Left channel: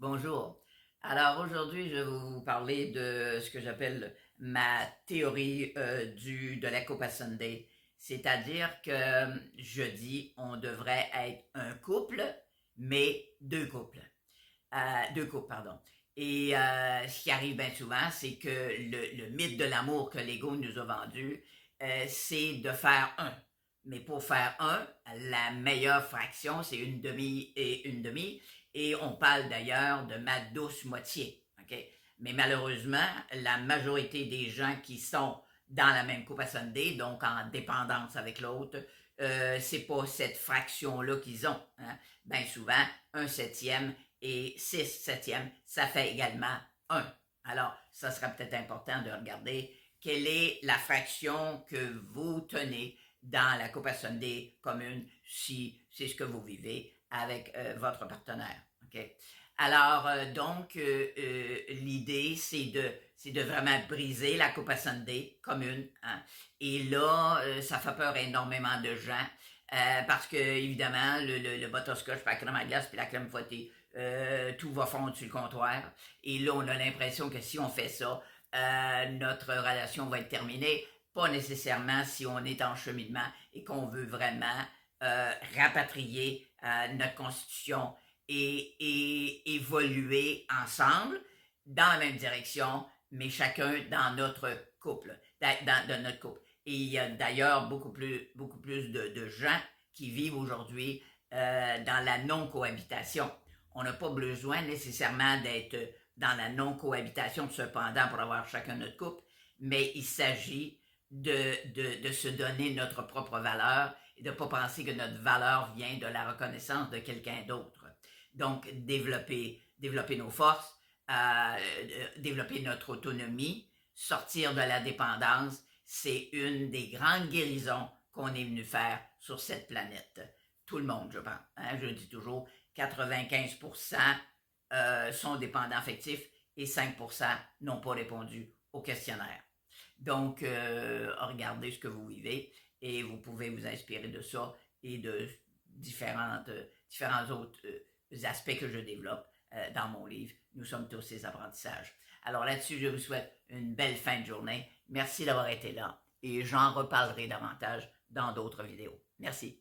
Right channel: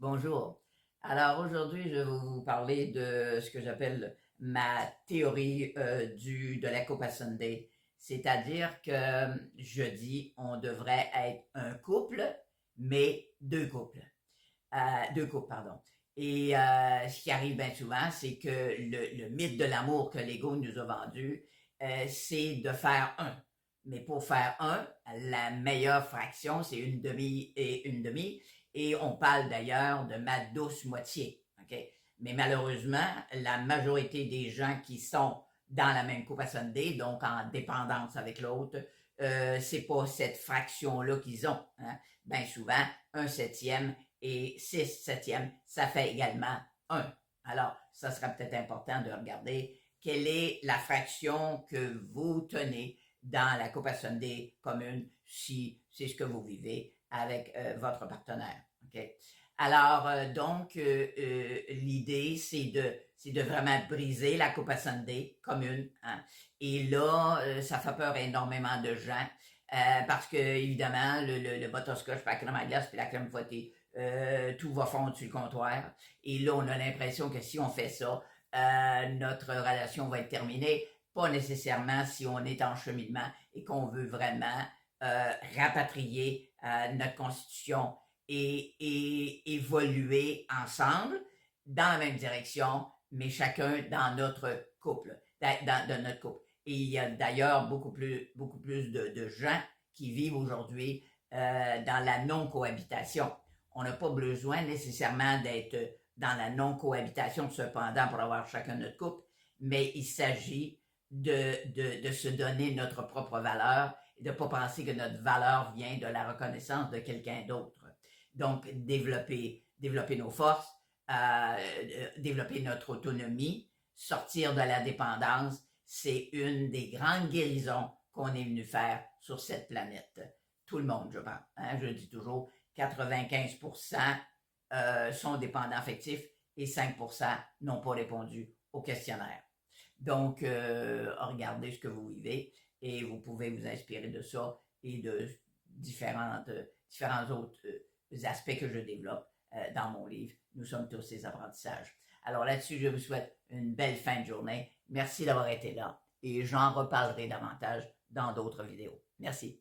Bonjour. Alors aujourd'hui, je vais vous parler de ce que j'appelle ma théorie de la Coupe à Sunday. C'est-à-dire que je dis on devrait être un couple, mais deux couples. Deux couples, pardon. Et ce qui arrive bien souvent, c'est que le mythe de l'amour que l'ego nous a vendu, c'est de faire un. Mais pour faire un, la meilleure fraction, c'est une demi et une demi. Et on parle d'ailleurs de ma douce moitié. Okay? Mais malheureusement, la majorité des gens qui sont dans la même coupe à Sunday, donc en dépendance avec l'autre, c'est pas cette fraction-là qu'ils ont. Hein? Bien souvent, un septième et 6 septièmes, ça fait également 1. Alors, ça sera peut-être important de regarder quelle est la fraction que vous tenez dans la Coupe à Sunday commune si c'est ce que vous vivez avec votre partenaire. Okay? Alors, l'idée, c'est de vraiment briser la Coupe à Sunday commune. Hein? Et là, ça fait peur à énormément de gens parce que, évidemment, le butterscotch, puis la crème à glace, puis la crème fouettée, tout va fondre sur le comptoir. Et là, on a l'impression que si on fait ça, notre relation va être terminée. Pas nécessairement si on est en cheminement et qu'on veut vraiment rapatrier notre constitution et évoluer ensemble dans la même direction, mais chacun dans notre couple, dans notre couple. Et il y a d'ailleurs beaucoup plus de gens qui vivent aujourd'hui dans la non-cohabitation. On n'a pas besoin nécessairement d'être dans la non-cohabitation cependant pour avoir chacun notre couple, mais il s'agit de se donner notre propre valeur et de ne pas penser que notre valeur vient de la reconnaissance de quelqu'un d'autre. Donc, développer nos forces, développer notre autonomie, sortir de la dépendance, c'est une des grandes guérisons qu'on est venu faire sur cette planète. Tout le monde, je pense. Hein? Je dis toujours, 95% sont dépendants affectifs et 5% n'ont pas répondu au questionnaire. Donc, regardez ce que vous vivez et vous pouvez vous inspirer de ça et de différents autres aspects que je développe dans mon livre. Nous sommes tous ces apprentissages. Alors là-dessus, je vous souhaite une belle fin de journée. Merci d'avoir été là et j'en reparlerai davantage dans d'autres vidéos. Merci.